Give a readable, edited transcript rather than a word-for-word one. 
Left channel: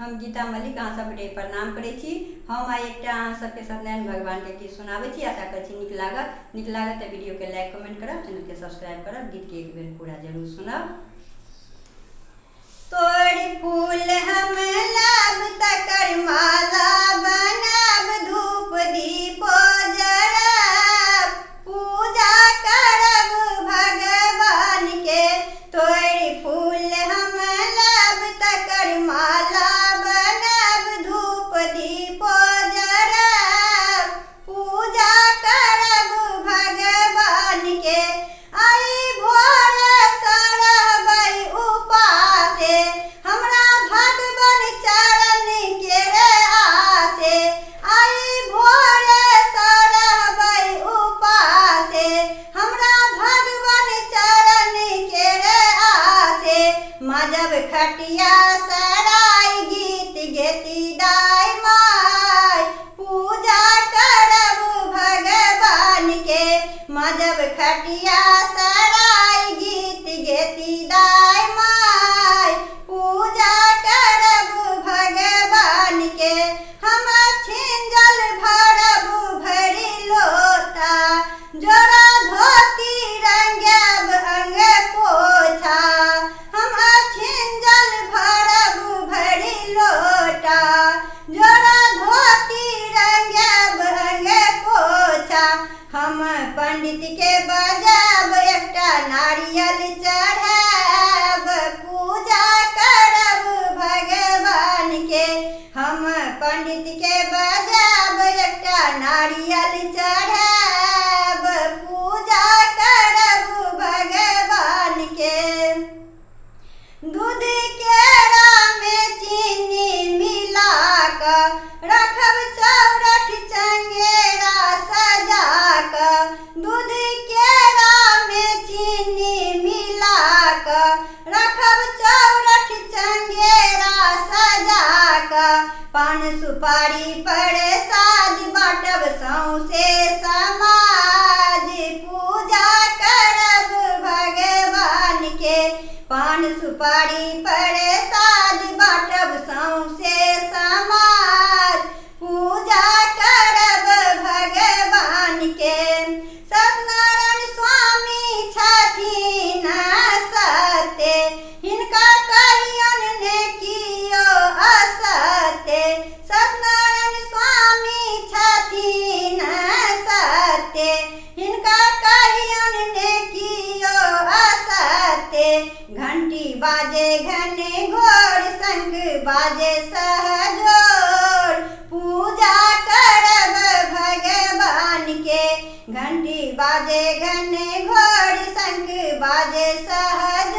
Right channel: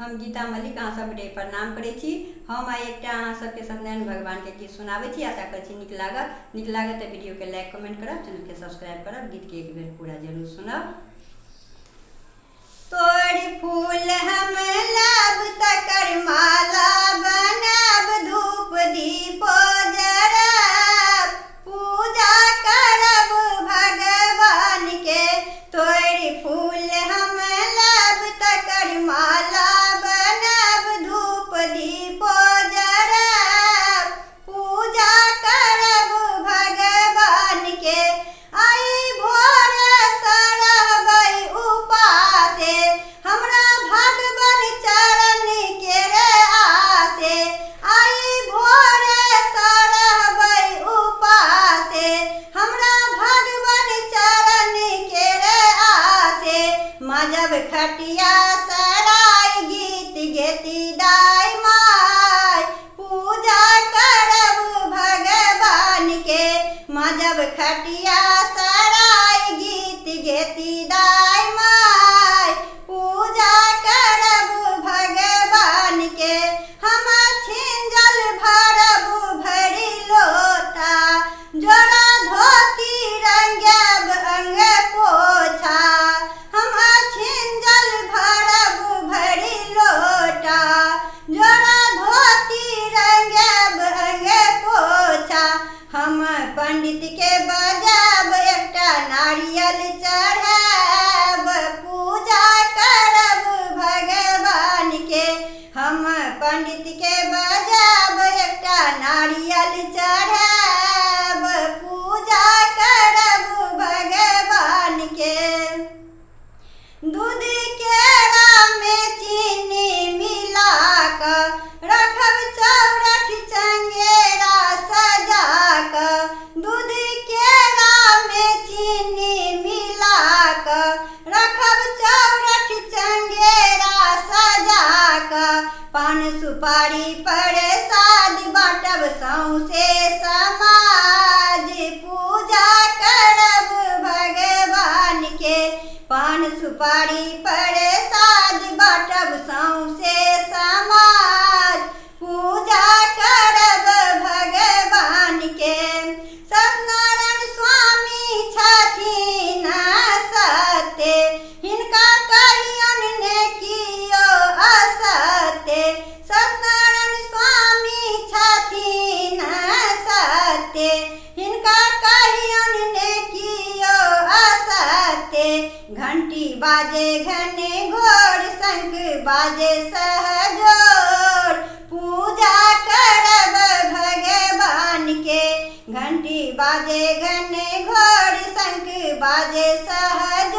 हम गीता मलिक अहाँ सबके प्रणाम करै छी। हम आइ एकटा अहाँ सबके सत्यनारायण भगवान के गीत सुनाबै छी। आशा करै छी नीक लागत तऽ वीडियो के लाइक कमेंट करब, चैनल के सब्सक्राइब करब, गीत के एक बेर पूरा जरूर सुनब। तोड़ फूल हम लब तकर माला बनब, धूप दीप जरब, पूजा करब भगवान के। तोड़ फूल हम लब तकर माला बनब, धूप दीप जरब, पूजा करब भगवान के। आई भोर सरबै उपासे, हमरा भगवान चरण के रे आसे। आई भोर सरबै उपासे, हमरा भगवान चरण के रे आसे। मजब खटिया सराय गीत गेती दाय माय, पूजा करब भगवान के। मजब खटिया सराय गीत गेती दाय माय, पूजा करब भगवान के। हम छिंजल भरब भरि लोटा, जोड़ा धोती रंगब अंग पोछा। हम छिंजल भरब भरि लोटा, जोड़ा धोती रंगब अंग पोछा। हम पंडित के बजाब एकटा नारियल चढ़ाब, पूजा करब भगवान के। हम पंडित के बजाब एकटा नारियल चढ़ाब, पूजा करब भगवान के। दूध केरा में चीनी मिला कर रखब चौरठ चंगेरा सजा कर। दूध केरा में चीनी मिला कर रखब चौरठ चंगेरा सजा कर। पान सुपारी प्रसाद बाटब सौंसे समाज, पूजा करब भगवान के। पान सुपारी प्रसाद बाटब सौंसे समाज, पूजा करब भगवान के। सत्यनारायण स्वामी छथिन सत्य, हिनका कहियन ने कियो असत्य। सत्यनारायण स्वामी छथिन सत्य, हिनका कहियन ने कियो असत्य। घंटी बाजे घने घोर, शंख बाजे सहजोर, पूजा करब भगवान के। घंटी बाजे घने घोर, शंख बाजे सहजोर,